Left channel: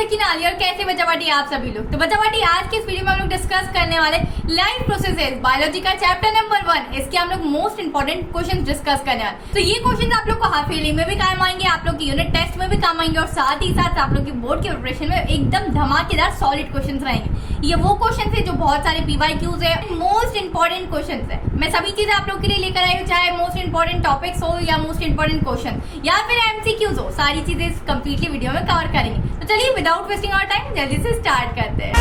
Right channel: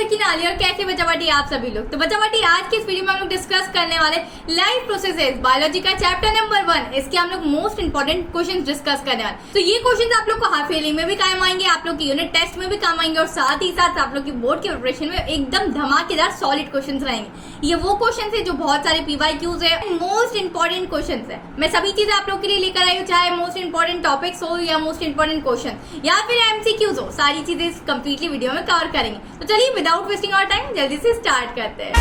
सकीना अली और कैसे बच्चावाटी आप सभी लोग। तो बच्चावाटी आज के इस वीडियो में हम लोग डिस्कस करने वाले लाइफ प्रोसेसेस बायोलॉजी का चैप्टर नंबर 1। इसके हम लोग मोस्ट इंपोर्टेंट क्वेश्चंस डिस्कस करने वाले। तो ये क्वेश्चंस आप लोग को हाफ ईयरली में भी काम आएंगे, आप लोग की यूनिट टेस्ट में भी काम आएंगे और साथ ही साथ आप लोग की बोर्ड की प्रिपरेशन में एकदम धमाकेदार सॉलिड क्वेश्चंस रहेंगे। ये वो क्वेश्चन है जो बहुत सारे पीवाईक्यूज है, मोस्ट इंपोर्टेंट क्वेश्चन है। मैं सभी चीजें आप लोग के लिए लेकर आई हूँ, चाहे मोस्ट इंपोर्टेंट टॉपिक्स हो या मोस्ट इंपोर्टेंट क्वेश्चन या फिर एमसीक्यूज हो, सारी चीजें इस कंप्लीटली वीडियो में कवर करेंगे। तो चलिए विदाउट वेस्टिंग आवर टाइम जल्दी से स्टार्ट करते हैं।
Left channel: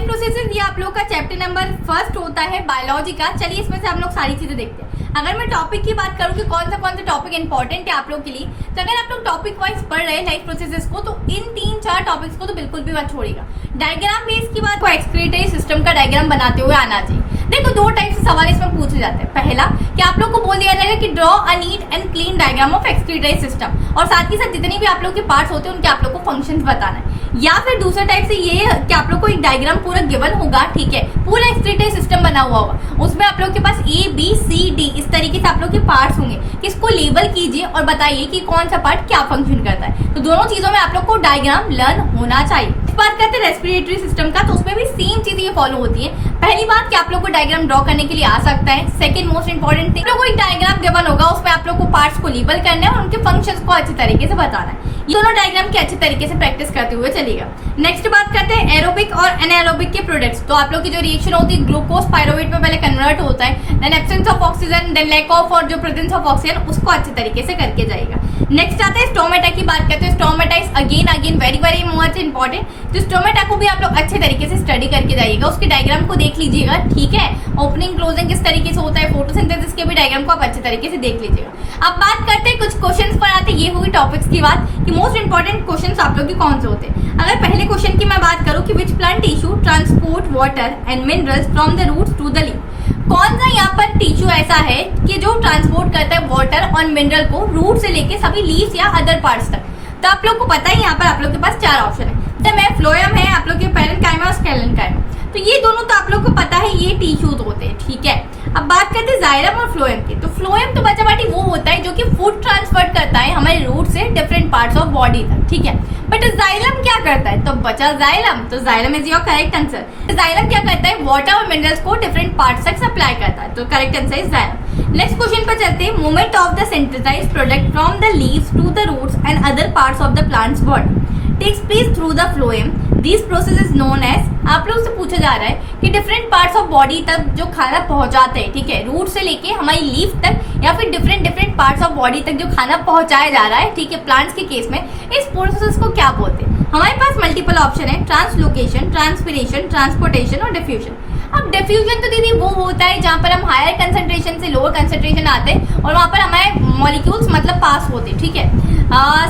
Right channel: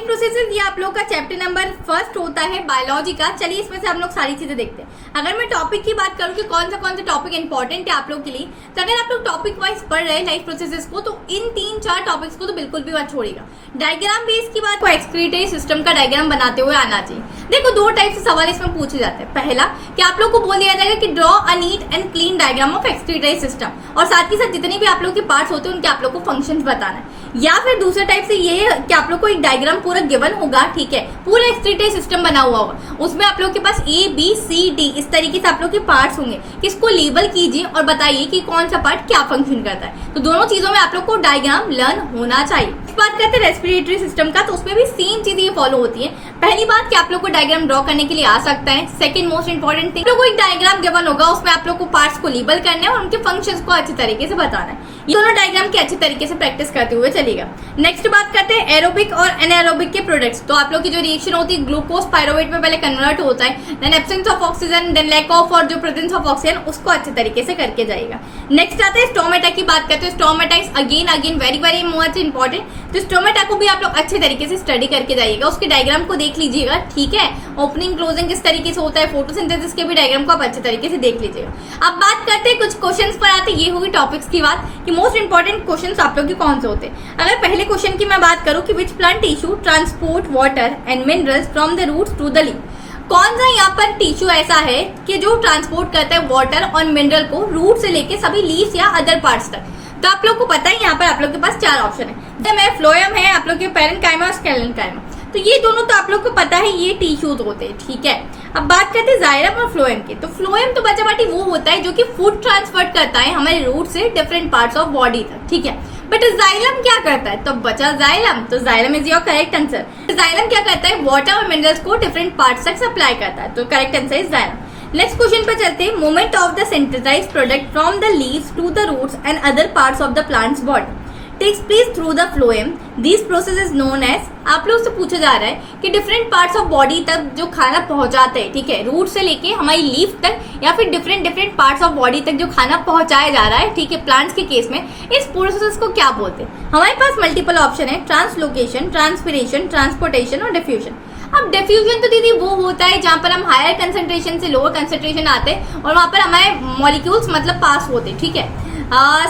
प्रोसेसेस ये आप लोग का चैप्टर नंबर 1 होता है बायोलॉजी का। चलिए इसमें से हम लोग सारी चीजें देखते हैं। अगर मैं टॉपिक की बात करूं कि कौन सा टॉपिक इंपॉर्टेंट है आप लोग के लिए, तो अगर आप लोग टॉपिक वाइज पढ़ रहे हैं लाइफ प्रोसेसेस को, तो इन 3-4 टॉपिक्स को तो बिल्कुल भी मत छोड़िएगा। डायग्राम बेस की बात को एक्सक्रीटरी सिस्टम का डायग्राम बनाते हुए आना चाहिए। देखो 2 टाइप से सवाल इसमें पूछे जाते हैं। पहला कि आप लोग को बोल दिया जाएगा कि draw a neat and clean diagram of excretory system, और साथ ही साथ जितने भी आप लोग के पार्ट्स होते हैं उनके आप लोग को फंक्शंस बताना है। या फिर दूसरा टाइप से ये कि आप लोग को एक डायग्राम पूरा गिवन होगा, ठीक है, पूरा एक्सक्रीटरी सिस्टम बना हुआ होगा, उसमें आप लोग के पास A B C D इस तरीके से आप लोग के पार्ट्स होंगे। इसको लेबल कीजिए और बताइए कि कौन सा पार्ट क्या फंक्शन करता है। तो दोनों चीजों में आप लोग को डायग्राम लर्न होना चाहिए। बात करते हैं रेस्पिरेटरी सिस्टम का, तो उसमें भी सेम चीजें ये फॉलो होती है। पहली बात कि आप लोग को डायग्राम ड्रॉ करने के लिए आ सकता है। सेकंड मोस्ट इंपोर्टेंट थिंग, आप लोग को एक डायग्राम गिवन होगा, उसमें आप लोग को पार्ट्स को लेबल करना है और उनके फंक्शंस को अच्छे तरीके से बताना है। ये दोनों डायग्राम के अच्छे तरीके से प्रैक्टिस करते हुए चलेगा। नेक्स्ट बात करते हैं एरोबिक और एनारोबिक के प्रोडक्ट्स। तो आप लोग की जो रिएक्शन होती है ग्लूकोज पायरुवेट में पहले कन्वर्ट होता है, then absence of oxygen, then lack of और जो प्रेजेंस ऑफ ऑक्सीजन, उसको अच्छे तरीके से करके जाएगा। नेक्स्ट आता है स्टोमेटा की बात करते हैं। Stomata is again very much important. तो स्टोमेटा को भी आप लोग अच्छे तरीके से स्टडी करके जाइएगा, उसके डायग्राम को देख लीजिएगा, ठीक है। ओपनिंग क्लोजिंग किस तरीके से होता है, फोटोसिंथेसिस के भी डायग्राम को आप अच्छे तरीके से देख लीजिएगा। अब बात करते हैं कुछ क्वेश्चंस पर आते हैं। ये होगी टॉपिक्स की बात कि मोस्ट इंपोर्टेंट क्वेश्चंस आप लोग के कौन से होते हैं। अगर पहले क्वेश्चन की मैं बात करूं कि which plant tissue transport water and minerals from the roots to the leaf, कौन सा यहाँ पर टिश्यू ऐसा है कि जो ट्रांसपोर्ट करता है वाटर और मिनरल को रूट से लेके सभी लीव्स या अदर पार्ट्स तक। तो आप लोग को पता है यहाँ पर आप लोग के पास 4 ऑप्शन है। तो फ्लोएम है, आप लोग के पेरेन्काइमा और स्केलेन्काइमा। तो ये दोनों तो आप लोग को पता है ये टिश्यूज होते हैं, ठीक है। अब बात करते हैं जाइलम और फ्लोएम की। तो फ्लोएम तो बच्चा वो होता है जो कि फूड ट्रांसफर करता है हमारे रूट से डिफरेंट पार्ट्स ऑफ बॉडी तक, ठीक है। बट जाइलम क्या करता है, तो बचा जाइलम, तो xylem is your correct answer. Xylem क्या करता है, वाटर और मिनरल्स को डिफरेंट पार्ट्स तक सप्लाई करता है, तो correct answer is xylem. Next question पे चलते हैं। Movement of the synthesized product from the leaves to the roots and other parts of the plants body takes place through the phloem. These process is known as, आप लोग से पूछा जा रहा है कि डिफरेंट पार्ट्स ऑफ बॉडी तक जो खाना पहुंचाते हैं, ठीक है, रूट से लेके हमारी लीफ तक या फिर डिफरेंट पार्ट्स ऑफ बॉडी तक जो खाना पहुंचाया जा रहा है, ठीक है, प्लांट्स के केस में, इस प्रोसेस को क्या बोलते हैं। हमारे पास मल्टीपल ऑप्शन है, ट्रांसलोकेशन, ट्रांसपिरेशन, ट्रांसपोर्टेशन और डिफ्यूजन। अब डिफ्यूजन तो दीदी वो होता है जहां पर हम हायर कंसंट्रेशन से लोअर कंसंट्रेशन आते हैं और वहां पर हमारे मॉलिक्यूल्स मतलब पास होते हैं, ठीक है।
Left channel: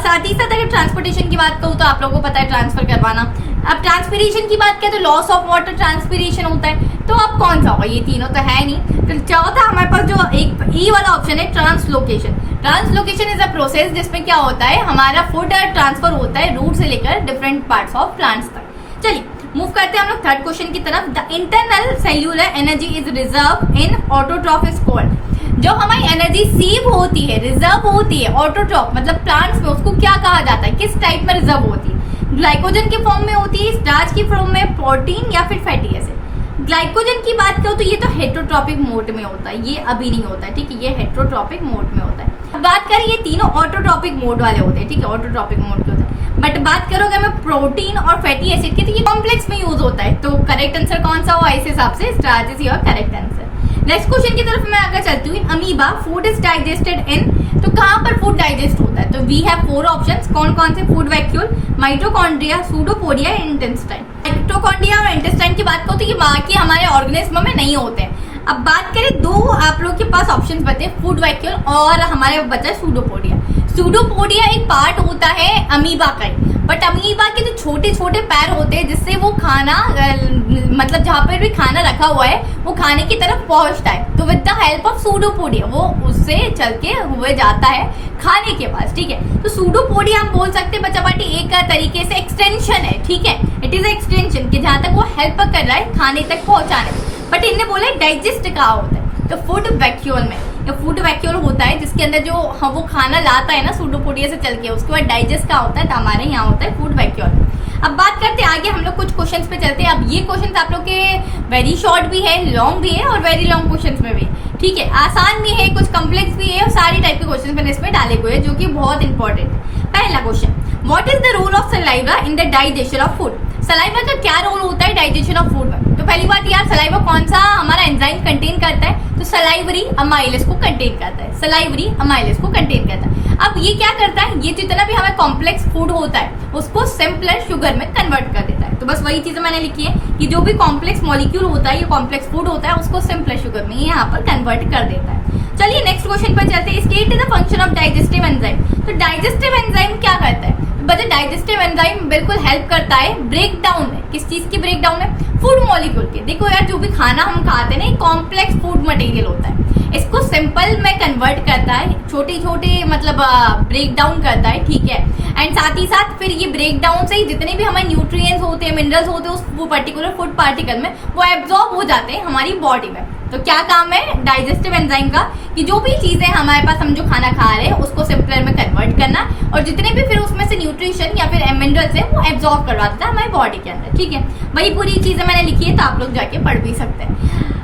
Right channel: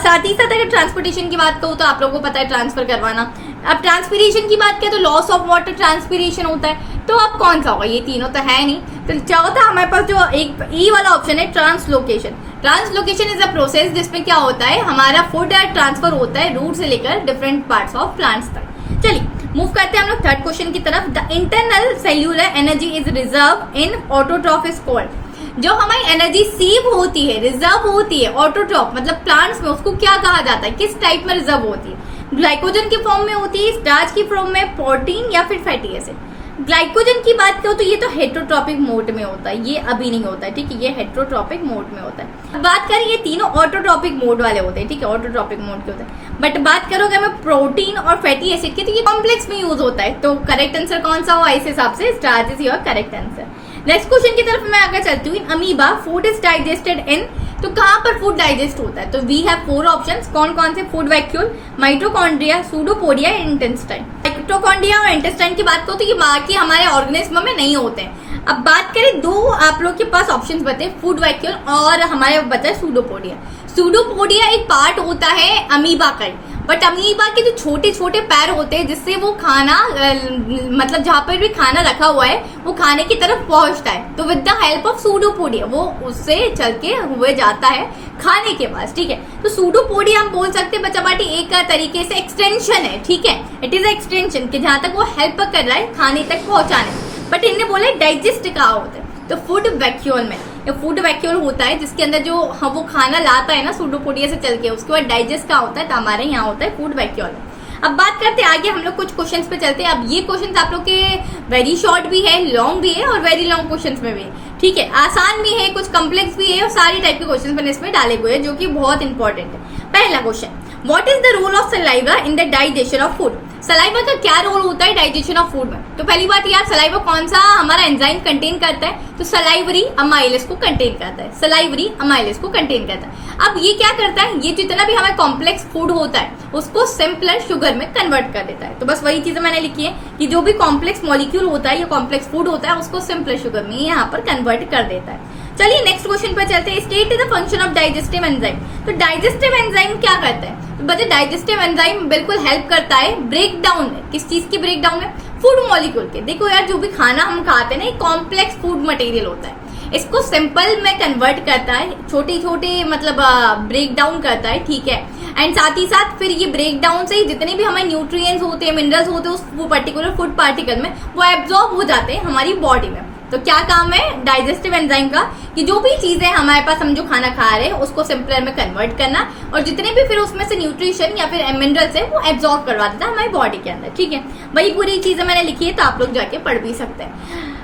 साथ ही साथ अगर ट्रांसपोर्टेशन की बात करूँ तो आप लोगों को पता है ट्रांसफर करवाना। अब ट्रांसपिरेशन की बात करें तो लॉस ऑफ वाटर ट्रांसपिरेशन होता है। तो अब कौन सा होगा, ये तीनों तो है नहीं। तो चौथा हमारे पास जो एक ई वाला ऑप्शन है translocation. Translocation is a process जिसमें क्या होता है, हमारा फूड ट्रांसफर होता है रूट से लेकर डिफरेंट पार्ट्स ऑफ प्लांट्स तक। चलिए मूव करते हैं हम लोग थर्ड क्वेश्चन की तरफ। The internal cellular energy is reserve in autotroph is called. जो हमारी एनर्जी सेव होती है, रिजर्व होती है ऑटोट्रॉफ मतलब प्लांट्स में, उसको क्या कहा जाता है, किस टाइप में रिजर्व होती है। ग्लाइकोजन के फॉर्म में होती है, स्टार्च की फॉर्म में, प्रोटीन या फिर फैटी एसिड। ग्लाइकोजन की बात करो तो ये तो हेट्रोट्रॉपिक मोड में होता है, ये अभी नहीं होता है, ठीक है, ये हेट्रोट्रॉपिक मोड में होता है। अब बात करें ये तीनों ऑटोट्रॉपिक मोड वाले होते हैं, ठीक है, ऑटोट्रॉपिक मोड के होते हैं। बट बात करोगे हमें प्रोटीन और फैटी एसिड की, तो ये कॉम्प्लेक्स में यूज होता है। तो करेक्ट आंसर कौन सा होगा, इस हिसाब से starch is your correct answer. Next question की तरफ मैं आगे चलती हूँ। अमीबा फूड इज डाइजेस्टेड इन, तो कहाँ पर फूड डाइजेस्ट होता है, तो वी हैव 4 ऑप्शंस। कौन कौन से, food vacuole, mitochondria, pseudopodia, intestine. Mitochondria और इंटेस्टाइन की बात करो तो ये बाकी हमारे ऑर्गेनिज्म में नहीं होते हैं। अब बात करें 2 आप लोग के पास ऑप्शंस बचे, फूड वैक्यूल और हमारे बचा सूडोपोडिया। सूडोपोडिया एक पार्ट होता है अमीबा का ही, बट अमीबा के जो छोटे छोटे पैर होते हैं जिससे वो खाना मतलब जहां पर भी खाना रखा हुआ है वो खाने की तरफ पहुंचता है, तो with the help of pseudopodia वो उससे चल के हुए जाता है खाने के पास। ठीक है, तो सूडोपोडिया हम बोल सकते हैं बच्चा पार्टी एक तरीके से एक्सटेंशन है। ठीक है, इट इज एक्सटेंशन कि जहां तक वो हेल्प कर रहा है खाने तक पहुंचाने। बट इनने बोले डाइजेस्ट कहा होता है, तो फूड वैक्यूल में ये फूड वैक्यूल होता है जिसके अंदर जो वो खाना लाता है ना सूडोपोडिया से चल के, उसके बाद डाइजेस्ट का होता है, तो हमारे यहाँ होता है फूड वैक्यूल। अब बात करते हैं आगे, हम लोग कुछ क्वेश्चंस पे चलते हैं। अब ये क्वेश्चंस आप लोग के वेरी शॉर्ट भी है, लॉन्ग भी है और वेरी लॉन्ग क्वेश्चंस में भी है। ठीक है, आसान भी है, कुछ कम्प्लेक्स भी है और सारी टाइप के क्वेश्चंस मैंने इसमें डाले हुए हैं जो कि बहुत इंपॉर्टेंट है। पहला question, what is the role of saliva in the digestion of food? Saliva का क्या रोल होता है डाइजेशन ऑफ फूड में? तो पहली बात यार, सलाइवा कौन सा हमारा एंजाइम कंटेन करता है? तो सलाइवरी अमाइलेज को कंटेन करता है, सलाइवरी अमाइलेज को कंटेन करता है। अब ये क्या करता है, ये जितना भी हमारा कॉम्प्लेक्स फूड होता है उसको सिंपलर शुगर में कन्वर्ट कर देता है। तो बस वही चीजें मैंने लिखी है कि जो भी कॉम्प्लेक्स मॉलिक्यूल होता है या कॉम्प्लेक्स फूड होता है उसको सिंपलर शुगर में यहाँ पर कन्वर्ट कर देता है। चलिए नेक्स्ट क्वेश्चन पर चलते हैं। State the function of digestive enzyme. तो डाइजेस्टिव एंजाइम क्या करता है? बच्चे डाइजेस्टिव एंजाइम बिल्कुल हेल्प करता है ब्रेक डाउन में। किस चीज की ब्रेक डाउन में? फूड मॉलिक्यूल के। देखो यार, जो भी खाना हम खाते हैं ना कॉम्प्लेक्स फूड मटेरियल होता है, इसको सिंपल में कन्वर्ट करता है, छोटे छोटे मतलब ब्रेक डाउन करता है। ठीक है, एंड साथ ही साथ फिर ये ब्रेक डाउन से ही जितने भी हमारे न्यूट्रिएंट्स होते हैं, मिनरल्स होते हैं उस पर्टिकुलर फूड पार्टिकल में वो एब्जॉर्ब हो जाते हैं हमारी बॉडी में। तो क्या काम है डाइजेस्टिव एंजाइम का कि जो भी चीजें हमारे पास हम जो खाना खा रहे हैं उसको सिंपलर में कन्वर्ट करना और जितने भी फिर उसमें से न्यूट्रिशन या फिर मिनरल्स है वो एब्जॉर्ब करवा देता है हमारी बॉडी के अंदर। ठीक है, वही पूरी चीजें मैंने लिखी है तो आप लोग जाके पढ़ भी सकते हैं।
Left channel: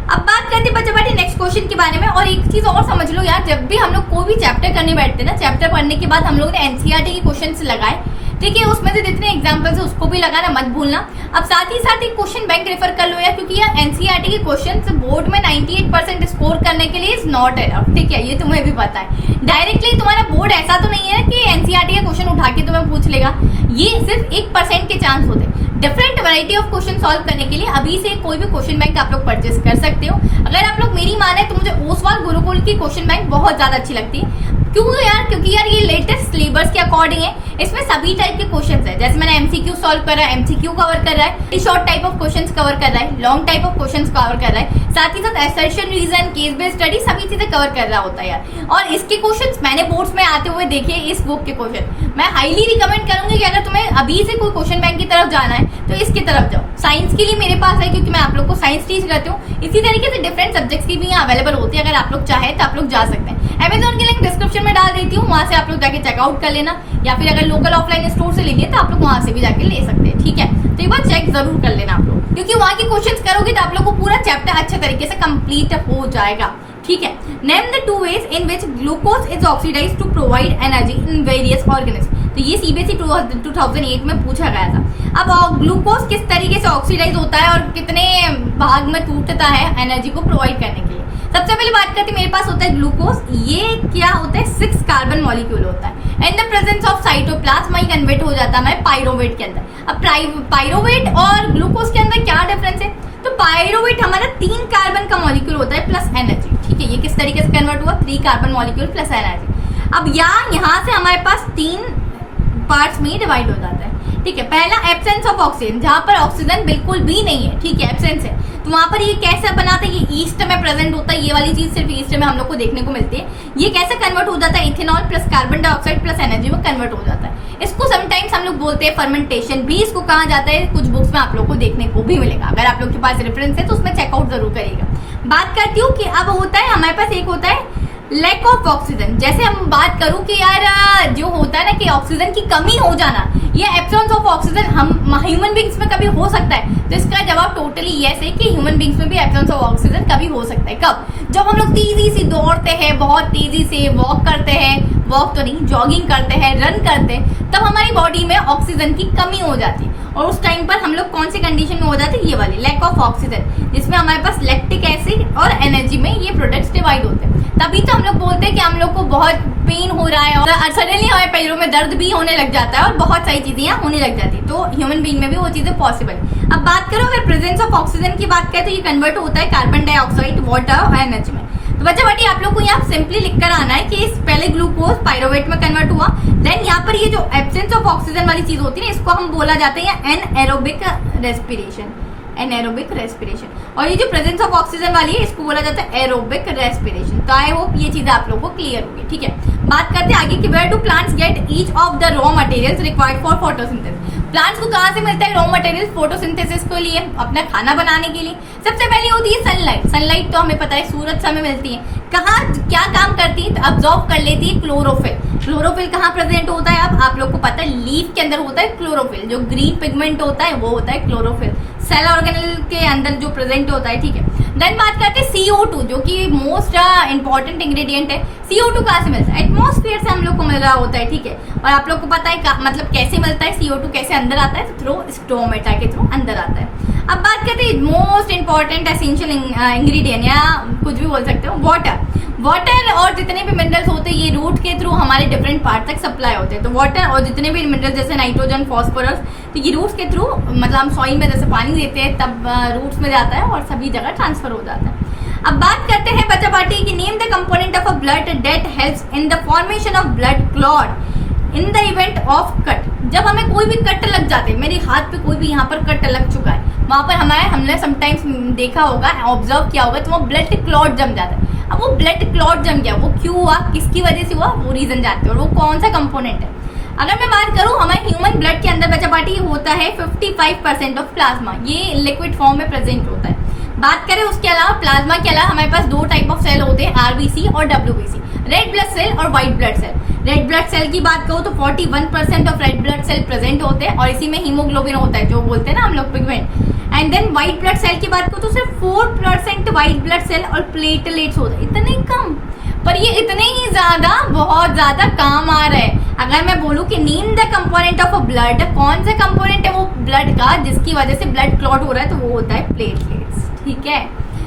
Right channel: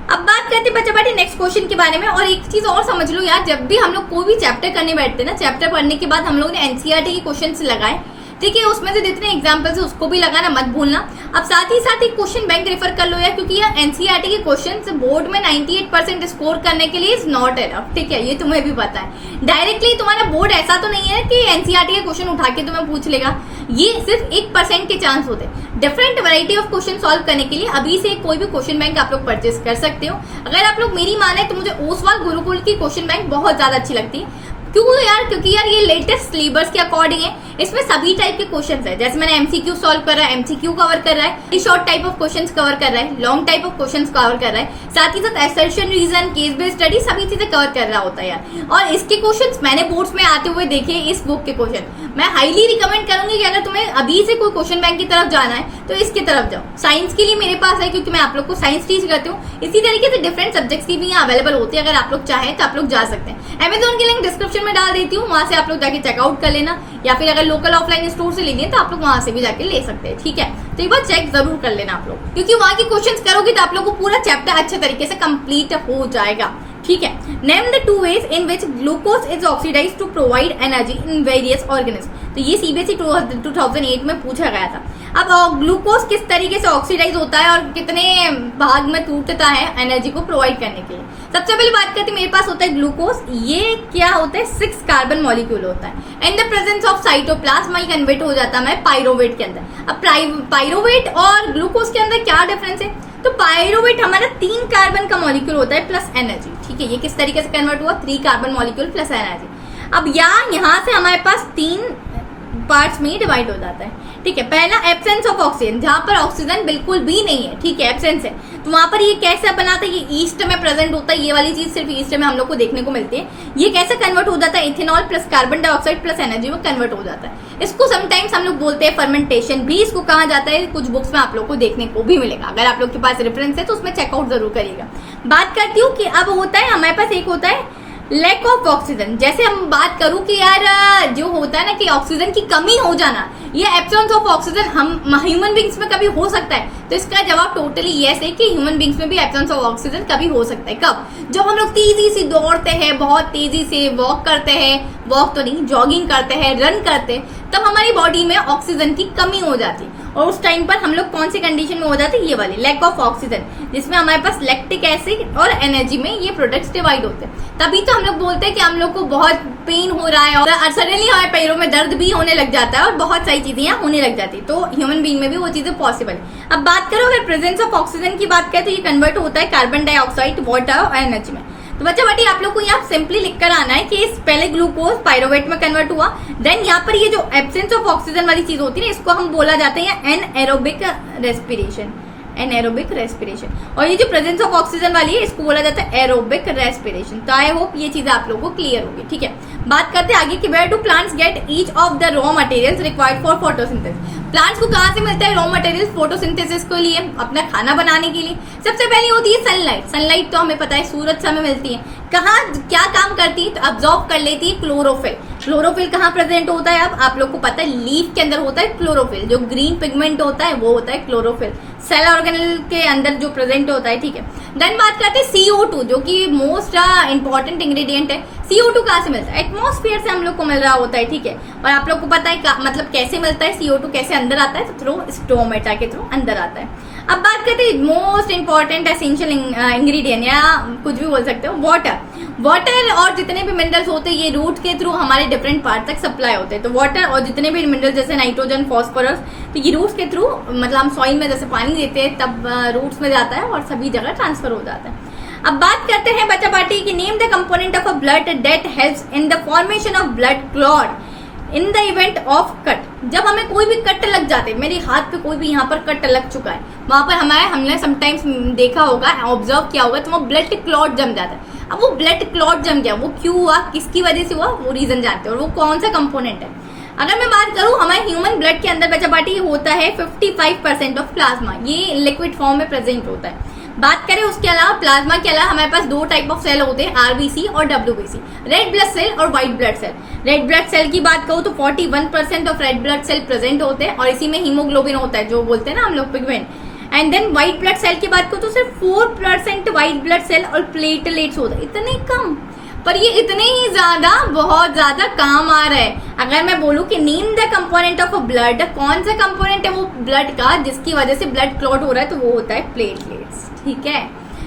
अब बात करते हैं बच्चा बाटी नेक्स्ट क्वेश्चन के बारे में। और एक चीज और समझ लो यार, जब भी हम लोग कोई भी चैप्टर करने बैठते हैं ना, चैप्टर पढ़ने के बाद हम लोग ने एनसीईआरटी के क्वेश्चन लगाए। ठीक है, उसमें से जितने एग्जाम्पल्स है उसको भी लगाना मत भूलना। अब साथ ही साथ एक क्वेश्चन बैंक रेफर कर लो यार, क्योंकि यार एनसीईआरटी के क्वेश्चन बोर्ड में 98% स्कोर करने के लिए इज नॉट एनफ। ठीक है, ये तुम्हें भी पता है। डायरेक्टली तुम्हारा बोर्ड ऐसा तो नहीं है कि एनसीईआरटी के क्वेश्चन उठा के तुम्हें पूछ लेगा, ये सिर्फ 1% के चांस होते हैं different variety of question solve करने के लिए। अभी से कोई भी क्वेश्चन बैंक आप लोग परचेस कर सकते हो। अगर आप लोग मेरी माने तो मुझे ओसवाल गुरुकुल की क्वेश्चन बैंक बहुत ज्यादा अच्छी लगती है। क्यों यार? क्योंकि यार ये लेटेस्ट सिलेबस के अकॉर्डिंग है, इसमें सभी टाइप के क्वेश्चंस है। जैसे मैंने एमसीक्यू सॉल्व कर रहा है, एमसीक्यू कवर कर रहा है, short type of questions cover कर रहा है, long type of questions cover कर रहा है, साथ ही साथ assertion, reason, case based study सभी चीजें कवर कर रहा होता है यार। और इसके क्वेश्चंस मैंने बोर्ड्स में आते हुए देखे, इस बुक के क्वेश्चन मैं हाईली रिकमेंड करूंगी कि अगर तुम्हें अभी से कोई क्वेश्चन बैंक की तरफ जाना है तो इसकी तरफ जाओ। साइंस के लिए मेरे पास है क्योंकि मैं आप लोग को साइंस टीच करती हूँ। इसी तरीके से डिफरेंट सब्जेक्ट्स की भी यहाँ अवेलेबल होती है, अगर आप लोग चाहे तो आप लोग जा सकते हैं। अमेजोन की लिंक डिस्क्रिप्शन में डाल देती हूँ, वहां से आप लोग जाके चेकआउट कर लेना, या फिर अगर लोकल ऑफलाइन स्टोर से लेंगे तो आप लोग वहां से भी जाके ले सकते हैं। ठीक है, तो एक बार चेक जरूर कर लेना आप लोग, क्योंकि वहां के क्वेश्चंस करोगे तो आप लोग को पूरा चैप्टर अच्छे तरीके से कंप्लीट हो जाएगा। ठीक है, name the 2 ways in which glucose is oxidized to provide energy in various organisms। तो ये सीबीएसई 2008 में पूछा गया था। अब ग्लूकोज किस तरीके से ऑक्सीडाइज होता है और कितने भाग में टूटता है एनर्जी को प्रोवाइड करने के लिए। सबसे पहले बात करते हैं, मेरे पास होता है ग्लूकोज। ये क्या होता है? 6 कार्बन मॉलिक्यूल होता है। In the presence of cytoplasm ये कन्वर्ट हो जाता है पाइरोवेट के अंदर। अब पाइरोवेट और ग्लूकोज के अंदर क्या डिफरेंस है? तो पाइरोवेट हमारा 3 कार्बन का मॉलिक्यूल होता है प्लस एनर्जी। ठीक है, ये किस तरीके से कन्वर्ट हुआ? 3 कार्बन मॉलिक्यूल प्लस एनर्जी। अब यहाँ से हमारे पास 3 पार्ट्स में डिवाइड हो जाता है। ठीक है, पहला एब्सेंस ऑफ ऑक्सीजन, जहां पर ऑक्सीजन बिल्कुल भी नहीं है। ठीक है, एब्सेंस है, तो वहां पर ये कैसे बनाता है? ये ईस्ट में प्रेजेंट होता है, ये वाली चीज सिर्फ ईस्ट में हम लोग को देखने को मिलती है। ये कैसे कन्वर्ट हो जाता है? Ethanol plus carbon dioxide plus energy में कन्वर्ट हो जाता है। इसको समटाइम्स हम लोग बोलते हैं फर्मेंटेशन भी, इसको कहा जाता है। कुछ बुक्स में आप लोग को देखने को भी मिलेगा, अगर आप लोग के पास रेफरेंस है तो उसमें चेकआउट जरूर करिएगा। बात करती हूँ कि अब होता है हमारे पास एक होता है लैक ऑफ ऑक्सीजन। जैसे हम बात करूं कि यार जो होता है ना कि ऑक्सीजन की कमी हो जाना, ये एब्सेंस ऑफ ऑक्सीजन हम ह्यूमन बींग्स में कभी हो सकता है? तो इसका जवाब टोटली यस है कि ह्यूमन बींग्स में भी एब्सेंस ऑफ ऑक्सीजन कभी हो सकता है। कब? जब हम लोग तेजी से दौड़ते हैं, बहुत तेजी से वॉक करते हैं, वॉक तो नहीं जॉगिंग करते हैं, रन करते हैं, तब हमारी बॉडी में ऑक्सीजन की कमी हो जाती है। और उस टाइम पर हम लोग कौन सी कंडीशन में हो जाते हैं? ये वाली लैक ऑफ ऑक्सीजन, जिसमें हमारे पास लैक्टिक एसिड और एनर्जी में ये प्रोडक्ट्स डिवाइड होते हैं। तभी तो हम लोग बोलते हैं कि हम लोग को बहुत पेन हो रहा है और सडनली हमारे पैरों में दर्द भी होने लग जाता है और बहुत सारी चीजें यहाँ होने लग जाती है। तो ह्यूमन बीइंग में भी वो चीजें पॉसिबल है। अब बात करो अगर प्रेजेंस ऑफ ऑक्सीजन की बात करें तो ये कन्वर्ट होता है कार्बन डाइऑक्साइड, वाटर और एनर्जी में। तो बच्चा बाटी आप लोग को यहाँ सिंपली लिख कर आना है कि इस पहले ग्लूकोज पायरोवेट में कन्वर्ट हुआ, देन यहाँ पर ये जो एब्सेंस ऑफ ऑक्सीजन वाली चीज होती है ना, इसको हम बोला जाते हैं एनएरोबिक रेस्पिरेशन, एनएरोबिक रेस्पिरेशन। और ये जो प्रेजेंस ऑफ ऑक्सीजन वाली है इसको बोला जाता है एरोबिक रेस्पिरेशन। तो आई होप ये चीजें आप लोगों को क्लियर होगी। ठीक है, बात करते हैं आगे कि where do plants get each of the raw materials required for photosynthesis. Plants को कहाँ से मिलता है रॉ मटेरियल्स फोटोसिंथेसिस के लिए, अपना खाना बनाने के लिए? सबसे पहले होती है सनलाइट। सनलाइट तो हमें पता है सूरज से हमें मिलती है। कहाँ क्या काम करती है? तो ऑब्जॉर्व कर लेती है क्लोरोफिल। क्लोरोफिल कहाँ प्रेजेंट होता है? अब आप लोग को पता है लीफ के अंदर होता है क्लोरोफिल, जो ग्रीन पिगमेंट होता है वो होता है क्लोरोफिल, सेल ऑर्गेनेल के अंदर जो प्रेजेंट होता है। ठीक है, देन बात करते हैं CO2 जो कि मोस्ट इंपॉर्टेंट इंग्रेडिएंट है। CO2 कहाँ से मिलता है? एटमॉस्फेयर से हम लोग को मिल रहा होता है। ठीक है, और आप लोग को पता है मतलब कैसे मिलता है CO2, कैसे अंदर आता है? तो थ्रू स्टोमेटा के थ्रू अंदर आता है। अब बात करते हैं मोस्ट इंपॉर्टेंट एसेंशियल इंग्रेडिएंट या कुछ भी बोल सकते हो, वाटर। वाटर और जितने भी मिनरल्स होते हैं ये रूट के थ्रू हमारे डिफरेंट पार्ट तक सप्लाई होते हैं। तो वाटर और जितने भी मिनरल्स जैसे नाइट्रोजन, फॉस्फोरस, तो ये रूट्स के थ्रू मतलब हम सॉइल में जैसे पानी देते हैं तब रूट्स में जाता है और सभी जगह ट्रांसफर हो जाता है। अब बात करते हैं बच्चा पार्टी की name the component of a blood that helps in the formation of blood clot in the event of cut. जब हमें कोई भी कट लग जाते हैं, मेरे हाथ पे कोई भी यहाँ पर कट लग चुका है, वहां पर हमने समटाइम्स देखा होगा, ऑब्जर्व किया होगा, तो वहाँ ब्लड क्लॉट जम जाता है। अब वो ब्लड क्लॉट जम गया, वो क्यों हुआ, किसकी वजह से हुआ, वो रीजन जानते हो और वो कौन सा कंपोनेंट है। अगर मैं बात करूं हमारे ह्यूमन ब्लड के अंदर बच्चा पार्टी होता है 55% ऑफ प्लाज्मा, ये लिक्विड फॉर्म में प्रेजेंट होता है। बात करें उसके अलावा प्लाज्मा के अलावा हमारे पास दो टाइप ऑफ सेल होते हैं, RBC और WBC, रेड ब्लड सेल और white blood cell. Red blood cell की बात करूं तो 41% of red blood cell present होते हैं और इसी में हीमोग्लोबिन होता है जो बोलते हैं ना हम लोग pigment. And then white blood cell की बात करूं तो सिर्फ 4% व्हाइट ब्लड सेल और प्लेटलेट्स होते हैं, इतने कम, पर ये इतने ही ज्यादा बहुत ज्यादा काम आ रहा है। अगर मैं बोलूं कि name the component of a blood, कौन सा कंपोनेंट है वो ब्लड का जिसकी वजह से ब्लड क्लॉट हो रहा है, तो वो होता है प्लेटलेट्स। ठीक है,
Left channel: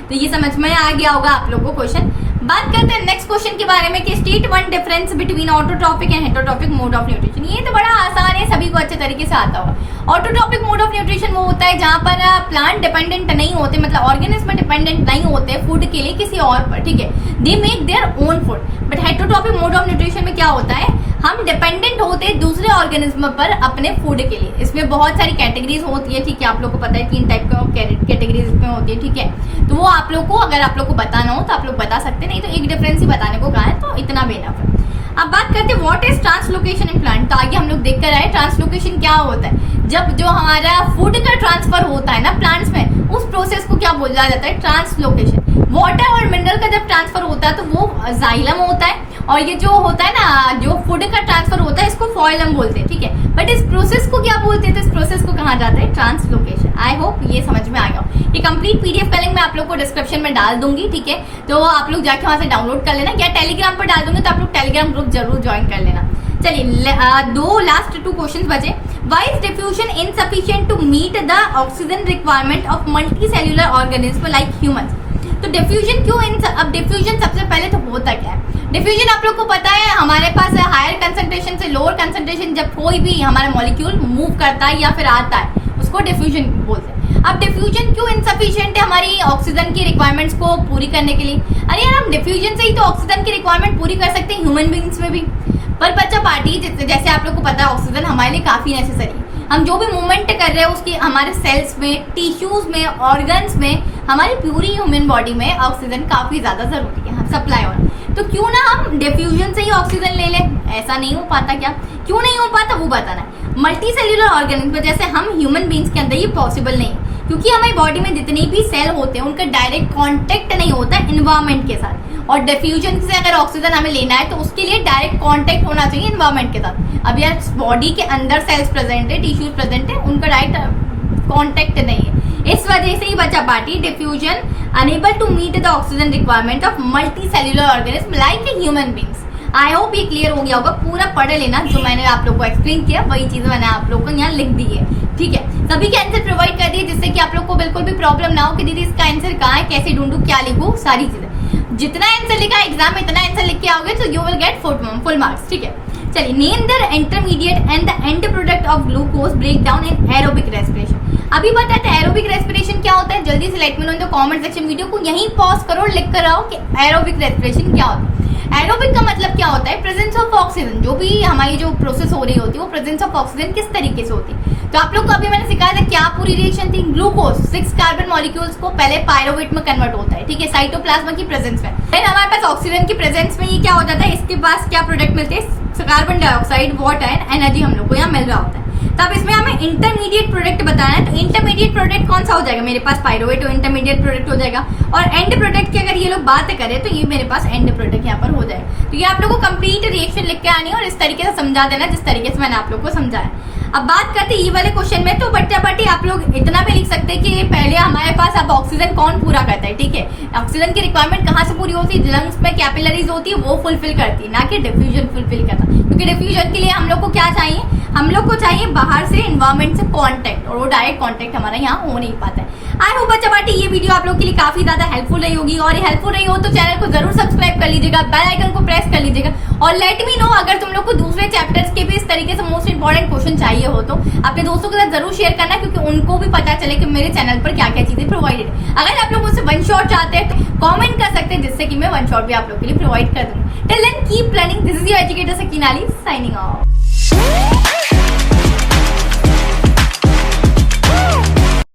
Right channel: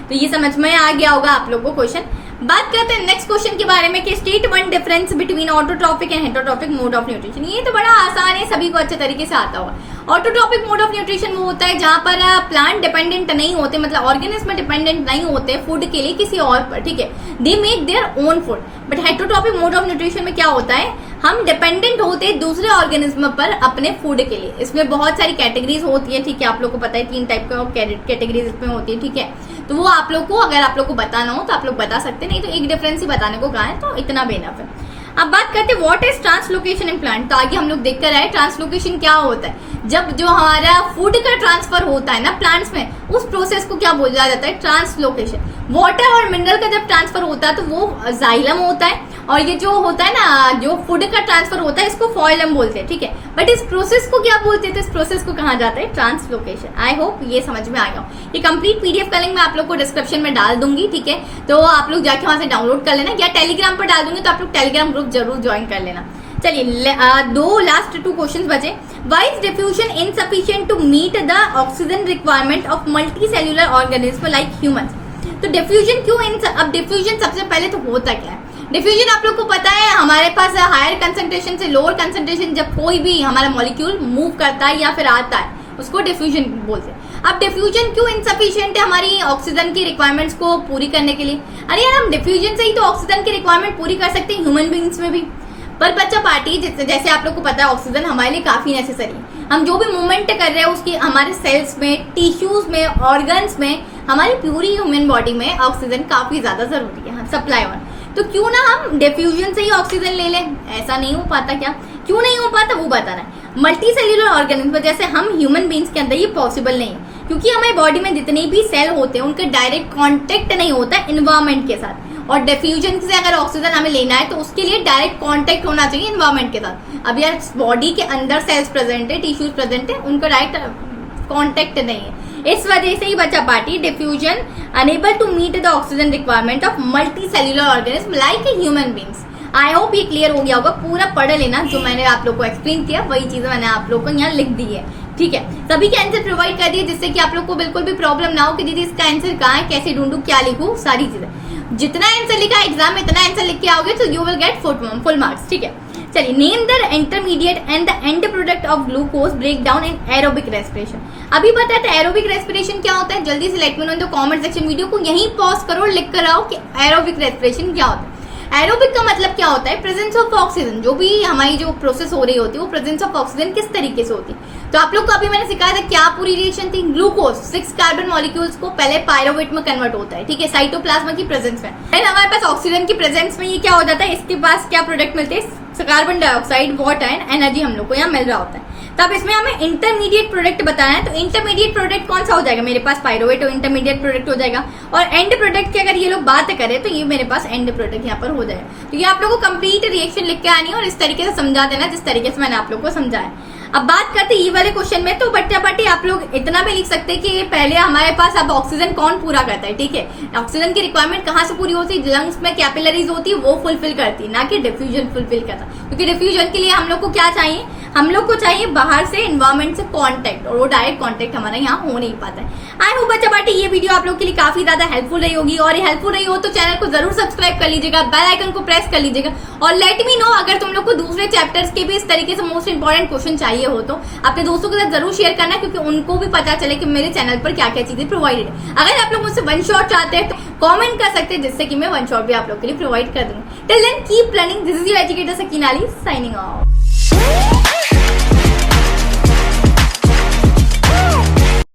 तो ये समझ में आ गया होगा आप लोगों को क्वेश्चन। बात करते हैं नेक्स्ट क्वेश्चन के बारे में कि state one difference between autotrophic and heterotrophic mode of nutrition. ये तो बड़ा आसान है, सभी को अच्छे तरीके से आता होगा। ऑटोट्रॉपिक मोड ऑफ न्यूट्रिशन वो होता है जहां पर प्लांट डिपेंडेंट नहीं होते, मतलब ऑर्गेनिज्म डिपेंडेंट नहीं होते फूड के लिए किसी और पर। ठीक है, they make their own food. But heterotrophic mode of nutrition में क्या होता है, हम डिपेंडेंट होते हैं दूसरे ऑर्गेनिज्म पर अपने फूड के लिए। इसमें बहुत सारी कैटेगरीज होती है। ठीक है, आप लोग को पता है 3 टाइप का कैटेगरीज इसमें होती है। ठीक है, तो वो आप लोग को अगर आप लोग को बताना हो तो आप लोग बता सकते हैं, नहीं तो एक डिफरेंस ही बताने को कहा है, तो इतना बेनफ है। अब बात करते हैं what is translocation in plant. तो आगे हम लोग देख कर आए ट्रांसलोकेशन क्या होता है। जब जो हमारा फूड का ट्रांसफर होता है ना प्लांट्स में, उस प्रोसेस को क्या बोला जाता है, ट्रांसलोकेशन। वाटर और मिनरल का जब ट्रांसफर होता है तो वो जाइलम होता है, और ये जो होता है ना जो फूड का ट्रांसफर होता है इसको फॉइलम बोलते हैं। ठीक है, बट इस प्रोसेस को क्या बोलते हैं, तो इस प्रोसेस को कहा जाता है ट्रांसलोकेशन। आई होप ये समझ में आ गया। ये कंप्लीट PDF का लिंक मैं आप लोग को डिस्क्रिप्शन में डाल दूंगी। ठीक है, तो आप लोग जाके वहां से डाउनलोड कर लेना, या टेलीग्राम पर डाल दूंगी तो आप लोग टेलीग्राम ग्रुप जरूर ज्वाइन कर लेना। चलिए दो लास्ट 2 क्वेश्चन बचे। Why is diffusion insufficient to meet the oxygen requirement of multicellular organisms like humans? तो डिफ्यूजन क्यों अब डिफ्यूजन सबसे पहले तो होता क्या है। डिफ्यूजन आप लोग को पता है हमारे पास हायर कंसंट्रेशन से लोअर कंसंट्रेशन जब कोई भी हमारा मॉलिक्यूल मूव करता है या फिर आता है उसको डिफ्यूजन बोलते हैं। अब डिफ्यूजन क्यों इनसफिशिएंट है हमारी ऑक्सीजन की रिक्वायरमेंट्स को पूरी करने के लिए? अरे यार हम डिफ्यूजन से ही तो ऑक्सीजन की रिक्वायरमेंट पूरी कर सकते हैं ह्यूमन बींग्स में भी। पर बच्चा पार्टी जैसे आप लोग को पता है ऑक्सीजन हमारे लिए काफी नेसेसरी है। हम जो भी मूवमेंट कर रहे हैं उसकी हमारे सेल्स में, टिश्यूज में, ऑर्गन्स में, हमारी पूरी ह्यूमन बॉडी में ऑक्सीजन काफी ज्यादा जरूरी है सप्लाई ऑन। तो क्यों ना हम डिफ्यूजन से ही ऑक्सीजन ले लें? ऐसा नहीं हो पाता क्या? क्यों नहीं हो पाता वो बताना है। मल्टी सेल्यूलर ऑर्गेनिज्म जैसे हम ह्यूमन बींग्स के अंदर ये पॉसिबल नहीं है, क्योंकि हमारी बॉडी में जितने भी सेल होते हैं उनका डायरेक्ट कांटेक्ट नहीं होता है एनवायरमेंट के साथ। और डिफ्यूजन से अगर ऑक्सीजन हमें लेना है तो उसके लिए डायरेक्ट कांटेक्ट होना चाहिए एनवायरमेंट के साथ। अब यार बॉडी के अंदर सेल्स प्रेजेंट है, टिश्यूज प्रेजेंट है, उनका डायरेक्ट कांटेक्ट नहीं है। इस वजह से ही बच्चा party diffusion unable to meet the oxygen requirement of multi cellular organism like a human beings. I hope ये क्लियर हो गया होगा। पूरा पढ़ लेना, जो मैंने आप लोग को एक्सप्लेन किया वही चीजें मैंने आप लोग को यहाँ लिख दी है। ठीक है, सभी के आंसर प्रोवाइड कर दिए जिससे कि आप लोग को बिल्कुल भी प्रॉब्लम ना हो कि दीदी इसका आंसर कहाँ है, कैसे ढूंढू, क्या लिखूं, सारी चीजें। जितना आंसर लिखा एग्जाम में इतना आंसर लिख के आओगे तो you will get full marks. ठीक है, चलिए, name the intermediate and the end product of glucose break down in aerobic respiration. अभी बताते हैं एरोबिक रेस्पिरेशन क्या होता है, जल्दी से let me know in the comment section. Video को यहीं पॉज करो और लिख कर आओ कि एरोबिक रेस्पिरेशन क्या होता है। एरोबिक का मतलब क्या होता है, प्रेजेंस ऑफ ऑक्सीजन। जो भी हमारी जो प्रोसेस हो रही होती है वो प्रेजेंस ऑफ ऑक्सीजन किस तरीके से होती है। तो आप लोग को अभी मैंने सिखाया था क्या पूरी रिएक्शन थी। ग्लूकोज 6 कार्बन मॉलिक्यूल्स को पहले पायरोवेट में कन्वर्ट होता है, ठीक है, साइटोप्लाज्मा की प्रेजेंस में। देन हमारे पास ऑक्सीजन की प्रेजेंस में ये क्या हो जाता है, इसके पास क्या प्रोडक्ट मिलते हैं, carbon dioxide, water and energy हम लोग को यहाँ मिल रहा होता है। तो अब इसमें हमें इंटरमीडिएट प्रोडक्ट बताना है। तो इंटरमीडिएट प्रोडक्ट कौन सा हो जाएगा, मेरे पास पायरोवेट और इंटरमीडिएट प्रोडक्ट हो जाएगा। और एंड प्रोडक्ट की अगर ये लोग बात करें तो ये मेरे पास एंड प्रोडक्ट यहाँ पर हो जाएगा। तो ये आप लोगों को कंप्लीट रिएक्शन लिख के आनी है और इस तरीके से समझा देना जिस तरीके से मैंने आप लोग को समझाया। अब बात करते हैं ये वाले क्वेश्चन में, तो बट्टे आप लोग इतना भी लिख सकते हैं कि ये पहले हमारे पास अब ऑक्सीजन कौन पूरा करता है, ठीक है। ऑक्सीजन की रिक्वायरमेंट कहाँ से पूरी होती है, लंग्स में कैपिलरीज होती है वो फुलफिल करती है, ना कि डिफ्यूजन फुलफिल करता। क्योंकि डिफ्यूजन के लिए हम लोग को क्या चाहिए, हम लोग को चाहिए बाहर से एनवायरमेंट से कांटेक्ट, और वो डायरेक्ट कांटेक्ट हमारा यहाँ हो नहीं पाता है। आई होप बच्चा पार्टी ये वीडियो आप लोग के लिए काफी ज्यादा हेल्पफुल रही होगी, और ये हेल्पफुल रही हो तो चैनल को जरूर सब्सक्राइब कर लीजिएगा, बेल आइकन को प्रेस कर लीजिएगा, और लेट मी नो अगर तुम लोग को दूसरे चैप्टर्स के भी इस तरीके से मोस्ट इंपॉर्टेंट क्वेश्चन चाहिए हो तो अपने दोस्तों के साथ जरूर शेयर करना, क्योंकि उनको भी पता चले कि मेरे चैनल पर क्या क्या चीजें प्रोवाइडेड है। अगर आप लोग मुझसे वन शॉट चाहते हैं तो कमेंट कर सकते हैं, जिससे कि मैं वन शॉट भी आप लोग के लिए प्रोवाइड कर दूंगी। Till then keep learning, this is your educator Sakina Ali signing of.